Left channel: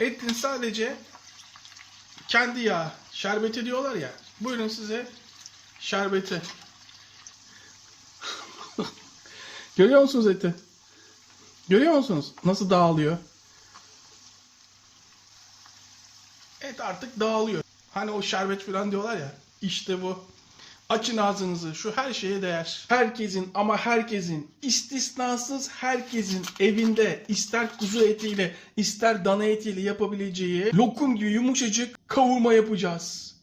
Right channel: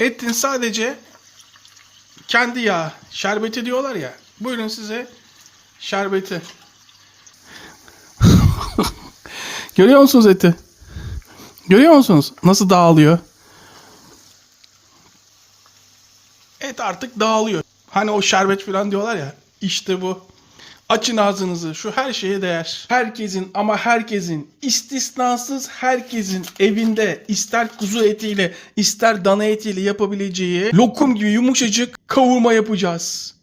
Etin sadece kendi yağı, şerbeti diyorlar ya. Buyurun size şerbeti. Görüyor musunuz eti? Görüyor musunuz? Nasıl dağılıyor? Et artık dağılıyor. Hani o şerbet falan diyorlar ya. İşte bu. Açın ağzınızı. Şu her şeye değer. Herkesin ama herkesin, istisnasız herkesin evinde ister kuzu etiyle ister dana etiyle yapabileceği lokum gibi yumuşacık kavurma yapacağız.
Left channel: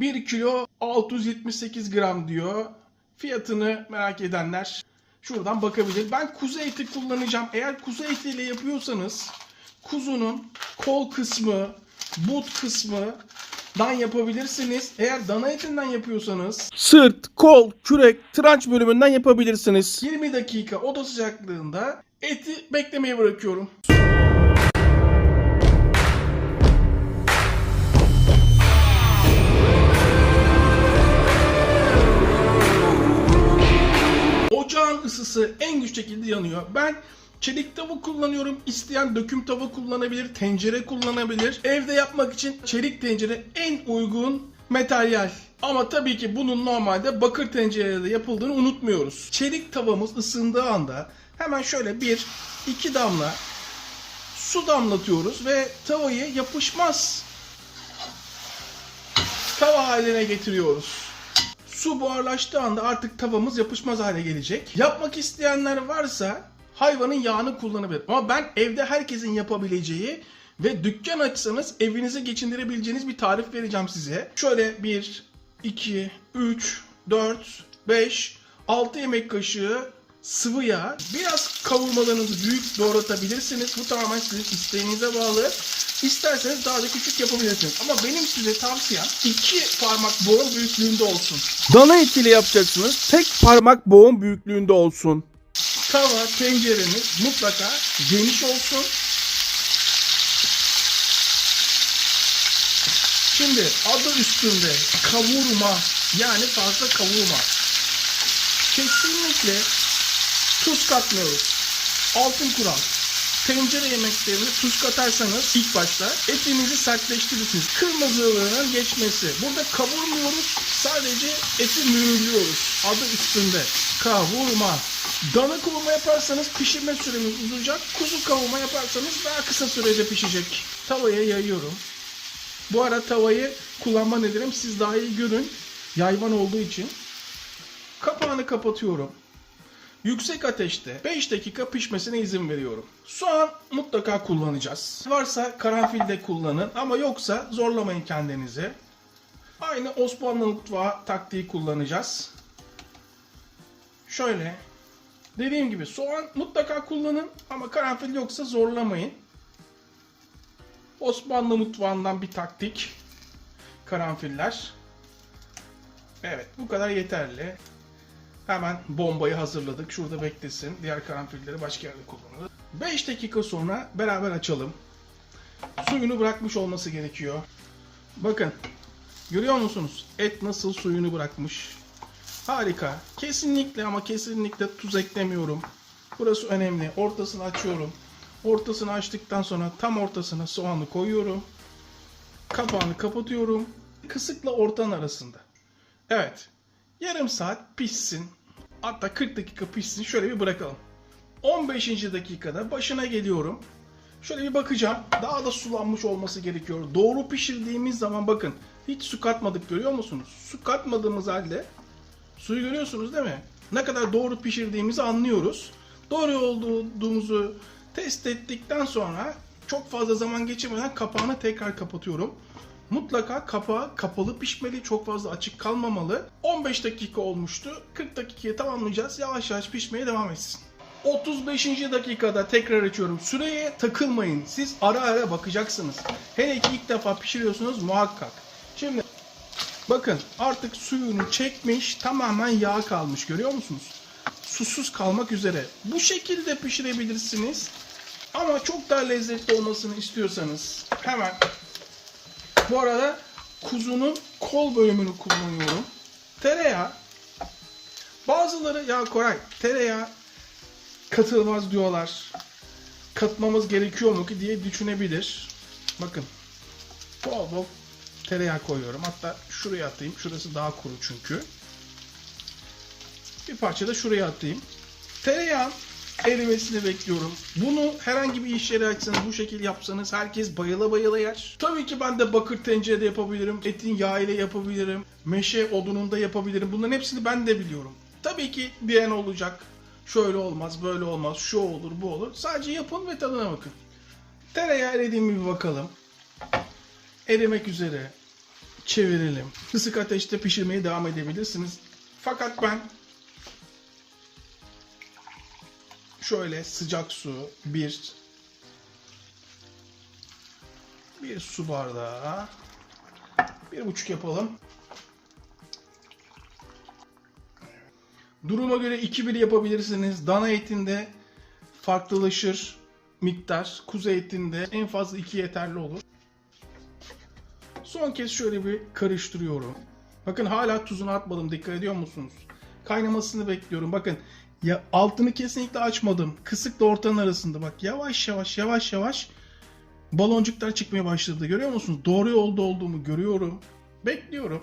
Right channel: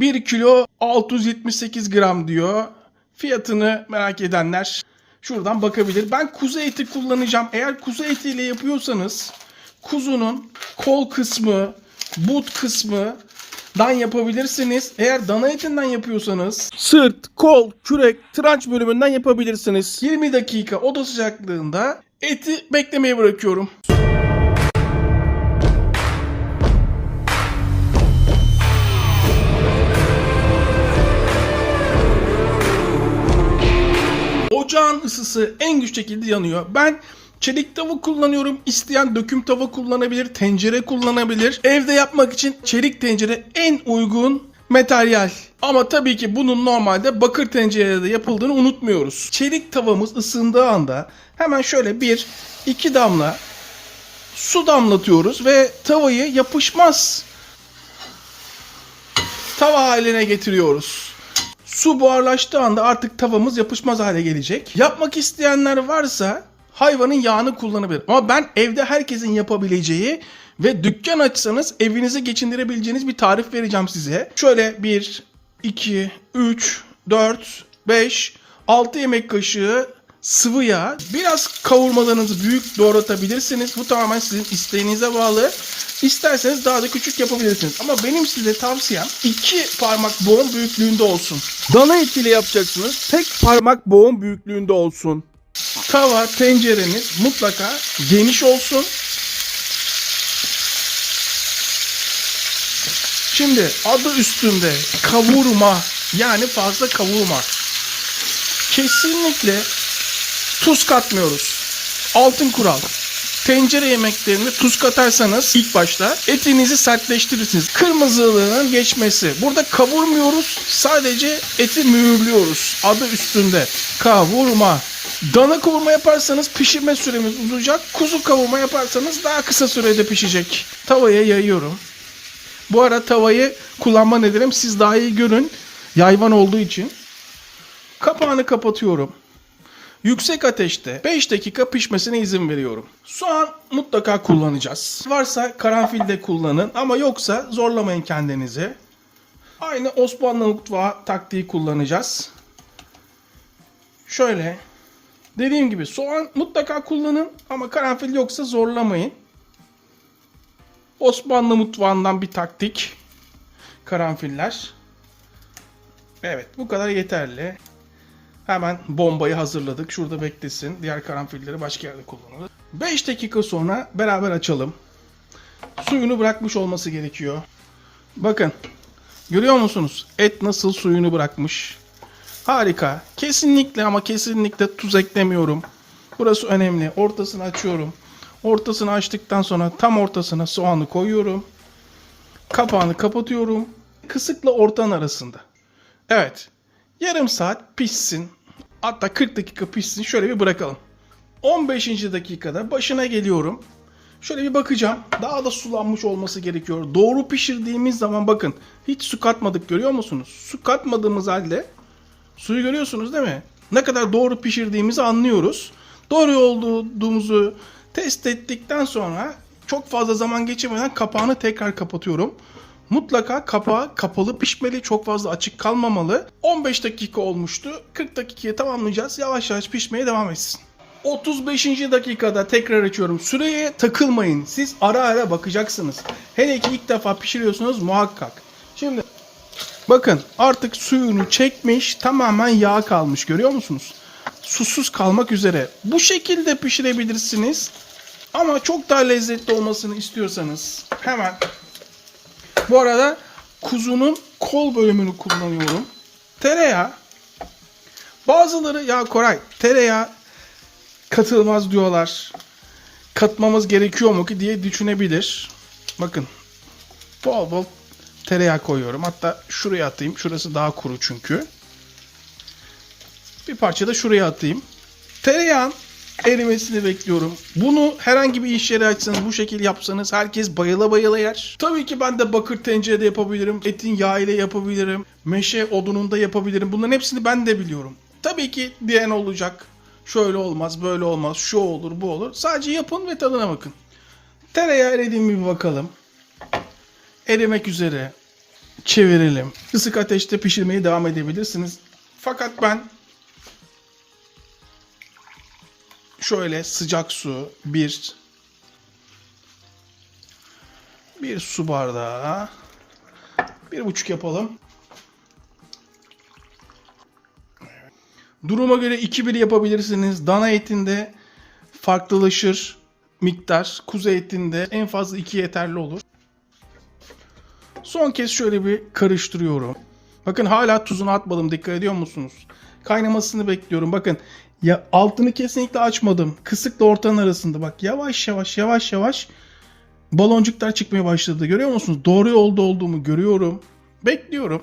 1 kilo 678 gram diyor. Fiyatını merak edenler şuradan bakabilir. Ben kuzu eti kullanacağım. Eğer kuzu etiyle yapıyorsanız kuzunun kol kısmı, but kısmı dan yapabilirsiniz. Eğer dana etinden yapıyorsanız sırt, kol, kürek, tranç bölümünden yapabilirsiniz. 20 dakika oda sıcaklığında eti beklemeye bırakıyorum. Ocağın ısısı en güçlü şekilde yanıyor. Ben çelik tava kullanıyorum. İsteyen döküm tava kullanabilir, tencere kullanabilir. Evde yapmak için çelik tencere en uygun materyal. Ama tabii ki bunun normalde bakır tencerede yapıldığını unutmuyoruz. Çelik tavamız ısındığı anda hemen şöyle 1-2 damla su damlatıyoruz ve tavayı yapışmaz tava haline getiriyoruz. Su buharlaştığı anda artık tavamız yapışmaz hale gelecek. Yapmak isteyenler varsa hayvanın yağını kullanabilir. Ama ben evde herkesin yapabileceği ve dükkan açsanız evinizi geçindirebileceğiniz bir tarif vereceğim size. Şöyle 1, 2, 3, 4, 5, 6 yemek kaşığı sıvı yağ. Biraz kavurmalarınızı büyük doğratabilirsiniz. Bu tamamen sizin isteğinize bağlı. İsterseniz daha da küçük yapabilirsiniz. Ama benim size tavsiyem 2 parmak boğum büyüklüğünde olsun. Dana etiyle yapacaksınız. Tek parmak boğum büyüklüğünde olsun. Tava, tencereniz mutlaka geniş olsun. Şimdi adı üstünde kavurma, yani fazla kavurma. Kesinlikle tuz katmıyoruz. Altın kural. Tencere yemeklerine tuz katarsanız ilk başta etinizi sertleştirirsiniz. Kırmızılığının geçmesi. Burada kavurmuyoruz. Sadece eti mühürlüyoruz. Adı üstünde. Kavurma. Dana kavurma yaparsanız pişirme süremiz uzayacak. Kuzu kavurma yaparsanız daha kısa sürede pişecek. Tavaya yayıyorum. Bu ara tavayı kullanma nedenim siz daha iyi görün. Yayvan olduğu için. Kapağını kapatıyorum. Yüksek ateşte 5 dakika pişmesine izin veriyorum. Soğan mutlaka kullanacağız. Varsa karanfil de kullanın ama yoksa zorlamayın kendinizi. Aynı Osmanlı mutfağı taktiği kullanacağız. Şöyle dediğim gibi soğan mutlaka kullanın ama karanfil yoksa zorlamayın. Osmanlı mutfağından bir taktik. Karanfiller. Evet, bu kadar yeterli. Hemen bombayı hazırladık. Şurada beklesin. Diğer karanfilleri başka yerde kullanalım. 5 dakika sonra beraber açalım. Suyunu bırakmış olması gerekiyor. Bakın. Görüyor musunuz? Et nasıl suyunu bırakmış. Harika. Kesinlikle ama kesinlikle tuz eklemiyorum. Burası önemli. Ortasını açıyorum. Ortasını açtıktan sonra tam ortasına soğanı koyuyorum. Kapağını kapatıyorum. Kısıkla ortanın arasında. Evet. Yarım saat pişsin. Hatta 40 dakika pişsin. Şöyle bir bırakalım. 15. dakikada başına geliyorum. Şöyle bir bakacağım. Daha da sulanmış olması gerekiyor. Doğru pişirdiğimiz zaman bakın. Hiç su katmadık, görüyor musunuz? Su katmadığımız halde suyu görüyorsunuz değil mi? Ne kadar doğru pişirdiğimizi anlıyoruz. Doğru olduğumuzu test ettikten sonra çok fazla zaman geçirmeden kapağını tekrar kapatıyorum. Mutlaka kapağı kapalı pişmeli. Çok fazla açık kalmamalı. 15 dakika olmuştu. 40 dakikaya tamamlayacağız. Yavaş yavaş pişmeye devam etsin. 35. dakikada tekrar açıyorum. Süreye takılmayın. Siz ara ara bakacaksınız. Hele ki ilk defa pişiriyorsunuz muhakkak. Şimdi bakın artık suyunu çekmiş. Tamamen yağ kalmış. Görüyor musunuz? Susuz kalmak üzere. Bu şekilde pişirebilirsiniz. Ama çok daha lezzetli olmasını istiyorsanız hemen bu arada kuzunun kol bölümünü kullanıyorum. Tereyağı. Bazıları ya Koray tereyağı katılmaz diyorlar. Katmamız gerekiyor mu ki diye düşünebilir. Bakın bol bol tereyağı koyuyorum. Hatta şuraya atayım. Şurası daha kuru çünkü. Bir parça da şuraya atayım. Tereyağın erimesini bekliyorum. Bunu herhangi bir iş yeri açsanız, bu şekilde yapsanız herkes bayıla bayıla yer. Tabii ki ben de bakır tencerede yapabilirim. Etin yağı ile yapabilirim. Meşe odununda yapabilirim. Bunların hepsini ben de biliyorum. Tabii ki diyen olacak. Şöyle olmaz, böyle olmaz, şu olur, bu olur. Sadece yapın ve tadına bakın. Tereyağı eridi mi bir bakalım. Erimek üzere. Çevirelim. Kısık ateşte pişirmeye devam edebilirsiniz. Fakat ben şöyle sıcak su, bir su bardağı, 1,5 yapalım. Duruma göre 2-1 yapabilirsiniz. Dana etinde farklılaşır miktar. Kuzu etinde en fazla 2 yeterli olur. Son kez şöyle bir karıştırıyorum. Bakın hala tuzunu atmadım. Dikkat ediyor musunuz? Kaynamasını bekliyorum. Bakın ya altını kesinlikle açmadım. Kısıkla ortanın arasında. Bak yavaş yavaş baloncuklar çıkmaya başladı. Görüyor musunuz? Doğru yolda olduğumu görüyorum. Bekliyorum.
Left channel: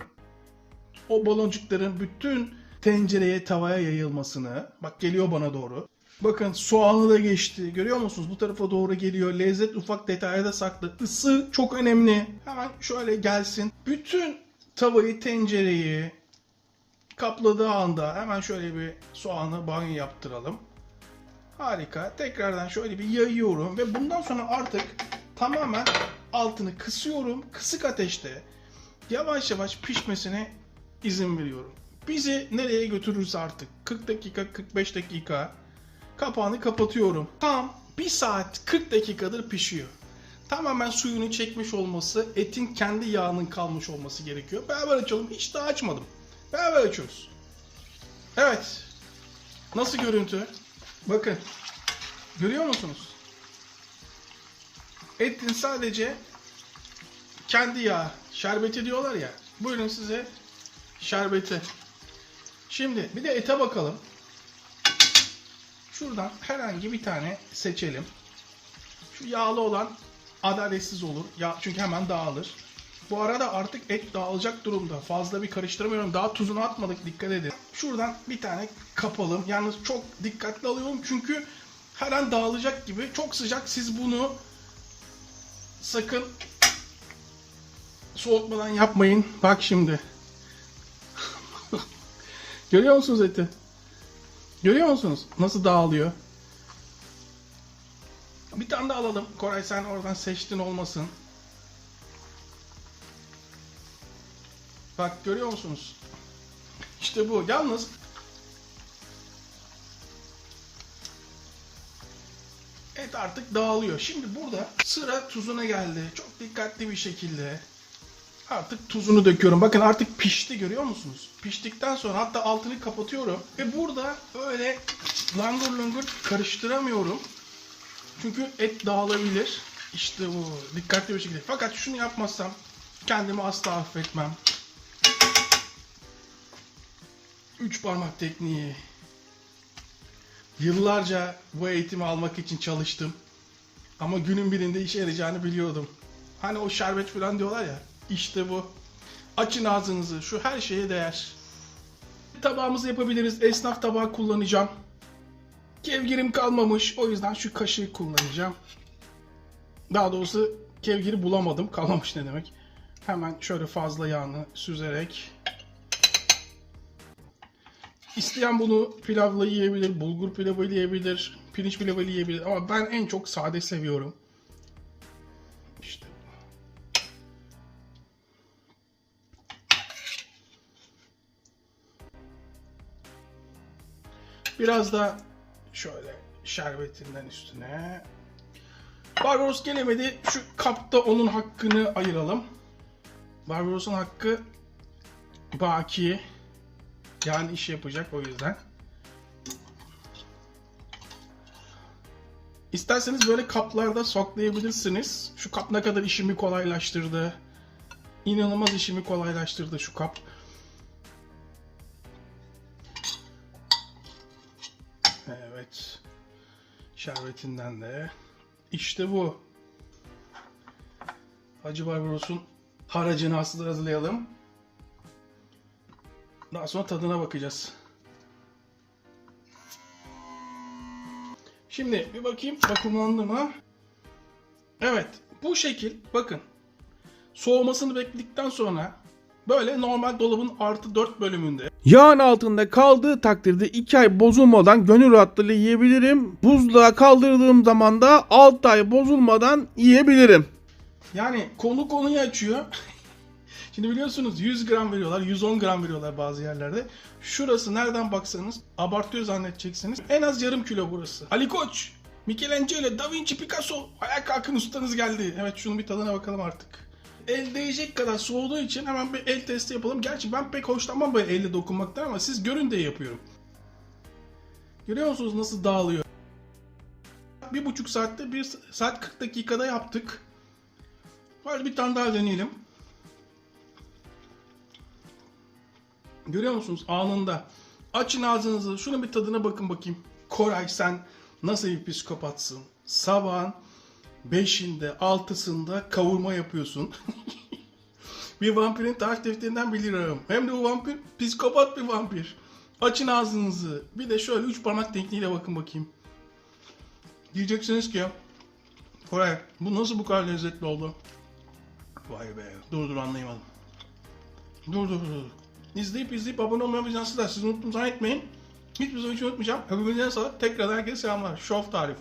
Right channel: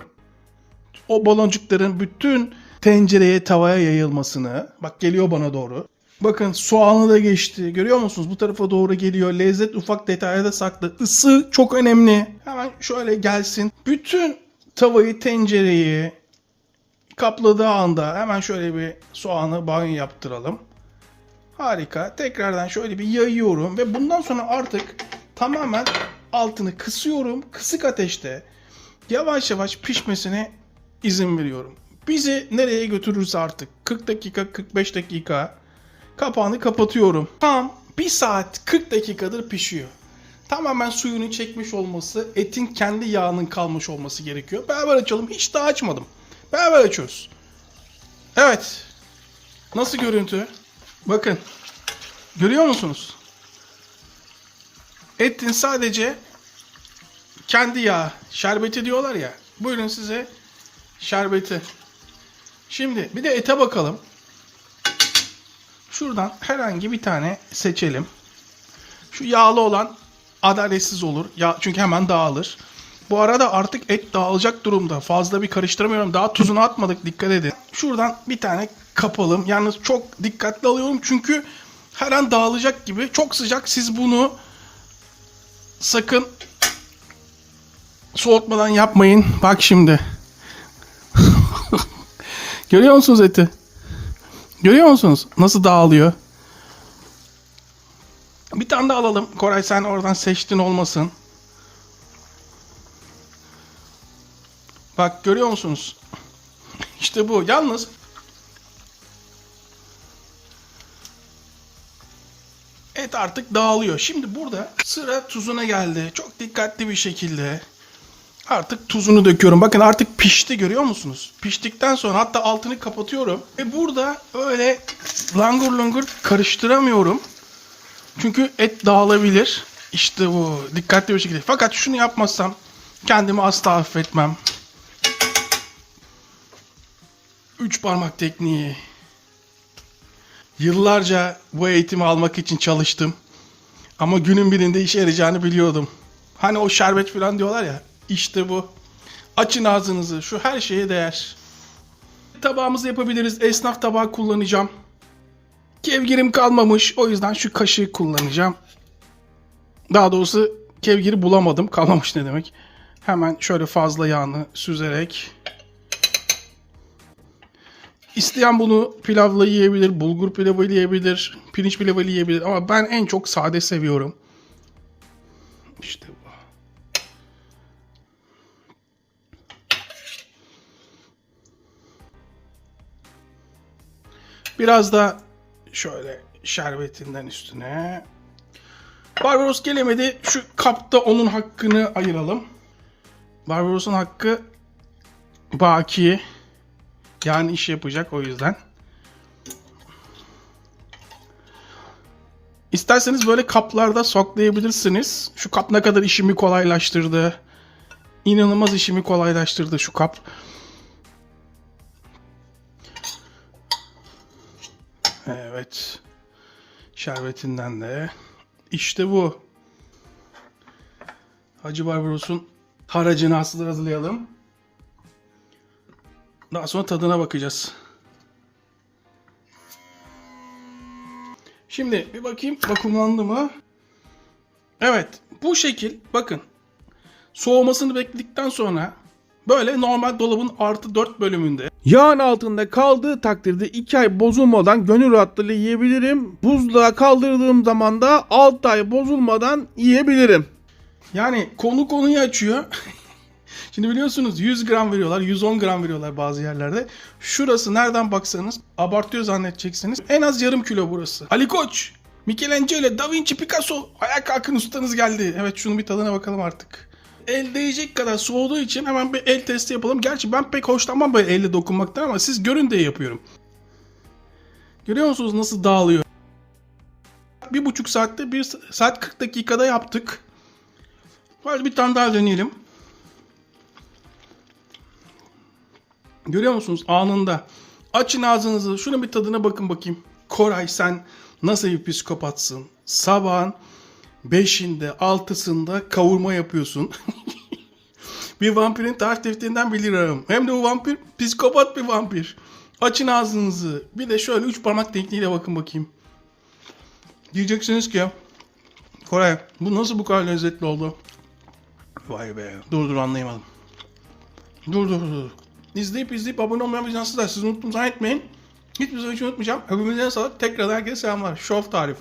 O baloncukların bütün tencereye, tavaya yayılmasını. Bak geliyor bana doğru. Bakın soğanı da geçti. Görüyor musunuz? Bu tarafa doğru geliyor. Lezzet ufak detaylarda saklı. Isı çok önemli. Hemen şöyle gelsin. Bütün tavayı, tencereyi kapladığı anda hemen şöyle bir soğanı banyo yaptıralım. Harika. Tekrardan şöyle bir yayıyorum ve bundan sonra artık tamamen altını kısıyorum. Kısık ateşte yavaş yavaş pişmesine izin veriyorum. Bizi nereye götürürse artık 40 dakika, 45 dakika kapağını kapatıyorum. Tam 1 saat 40 dakikadır pişiyor. Tamamen suyunu çekmiş olması, etin kendi yağının kalmış olması gerekiyor. Beraber açalım. Hiç daha açmadım. Beraber açıyoruz. Evet. Nasıl görüntü? Bakın. Görüyor musunuz? Etin sadece kendi yağı, şerbeti diyorlar ya. Buyurun size şerbeti. Şimdi bir de ete bakalım. Şuradan herhangi bir tane seçelim. Şu yağlı olan adaletsiz olur. Ya, çünkü hemen dağılır. Bu arada artık et dağılacak durumda. Fazla bir karıştıramıyorum. Daha tuzunu atmadık. Dikkat edin. Şuradan bir tane kapalım. Yalnız çok dikkatli alıyorum. Çünkü her an dağılacak gibi. Çok sıcak. Siz bunu sakın soğutmadan yapmayın. Bak şimdi. Görüyor musunuz eti? Görüyor musunuz? Nasıl dağılıyor? Bir tane daha alalım. Koray sen oradan seçtin olmasın. Bak görüyor musunuz? İşte bu. Yalnız et artık dağılıyor. Şimdi burada sıra tuzuna geldi. Çok dikkatli bir şekilde artık tuzunu döküyorum. Bakın artık pişti, görüyor musunuz? Piştikten sonra hatta altını kapatıyorum. Ve burada öyle langur langur karıştıramıyorum. Çünkü et dağılabilir. İşte bu. Dikkatli bir şekilde. Fakat şunu yapmazsam kendimi asla affetmem. 3 parmak tekniği. Yıllarca bu eğitimi almak için çalıştım. Ama günün birinde işe yarayacağını biliyordum. Hani o şerbet falan diyorlar ya. İşte bu. Açın ağzınızı. Şu her şeye değer. Tabağımızı yapabiliriz. Esnaf tabağı kullanacağım. Kevgirim kalmamış. O yüzden şu kaşığı kullanacağım. Daha doğrusu kevgiri bulamadım. Kalmamış ne demek. Hemen şöyle fazla yağını süzerek. İsteyen bunu pilavla yiyebilir, bulgur pilavıyla yiyebilir, pirinç pilavıyla yiyebilir. Ama ben en çok sade seviyorum. İşte bu. Biraz da şöyle şerbetinden üstüne. Barbaros gelemedi. Şu kapta onun hakkını ayıralım. Barbaros'un hakkı baki. Yani iş yapacak o yüzden. İsterseniz böyle kaplarda saklayabilirsiniz. Şu kap ne kadar işimi kolaylaştırdı. İnanılmaz işimi kolaylaştırdı şu kap. Evet. Şerbetinden de. İşte bu. Hacı Barbaros'un haracını aslında hazırlayalım. Daha sonra tadına bakacağız. Şimdi bir bakayım vakumlandı mı? Evet, bu şekil bakın. Soğumasını bekledikten sonra böyle normal dolabın +4 bölümünde yağın altında kaldığı takdirde 2 ay bozulmadan gönül rahatlığıyla yiyebilirim. Buzluğa kaldırdığım zaman da 6 ay bozulmadan yiyebilirim. Yani konuyu açıyor. Şimdi biliyorsunuz 100 gram veriyorlar, 110 gram veriyorlar bazı yerlerde. Şurası nereden baksanız abartıyor zannedeceksiniz. En az yarım kilo burası. Ali Koç, Michelangelo, Da Vinci, Picasso. Ayağa kalkın, ustanız geldi. Evet, şunun bir tadına bakalım artık. El değecek kadar soğuduğu için hemen bir el testi yapalım. Gerçi ben pek hoşlanmam böyle elle dokunmaktan ama siz görün diye yapıyorum. Görüyor musunuz nasıl dağılıyor? 1,5 saatte 1 saat 40 dakikada yaptık. Hadi bir tane daha deneyelim. Görüyor musunuz? Anında. Açın ağzınızı. Şunun bir tadına bakın bakayım. Koray, sen nasıl bir psikopatsın? Sabahın 5'inde 6'sında kavurma yapıyorsun. Bir vampirin tarif defterinden bilirim. Hem de bu vampir psikopat bir vampir. Açın ağzınızı. Bir de şöyle 3 parmak tekniğiyle bakın bakayım. Diyeceksiniz ki Koray, bu nasıl bu kadar lezzetli oldu? Vay be. Dur anlayamadım. Dur. İzleyip abone olmayan bir insansızlar. Siz unuttum zannetmeyin. Hiçbir zaman hiç unutmayacağım. Hepimizden sağlık. Tekrar herkese selamlar. Şov tarif.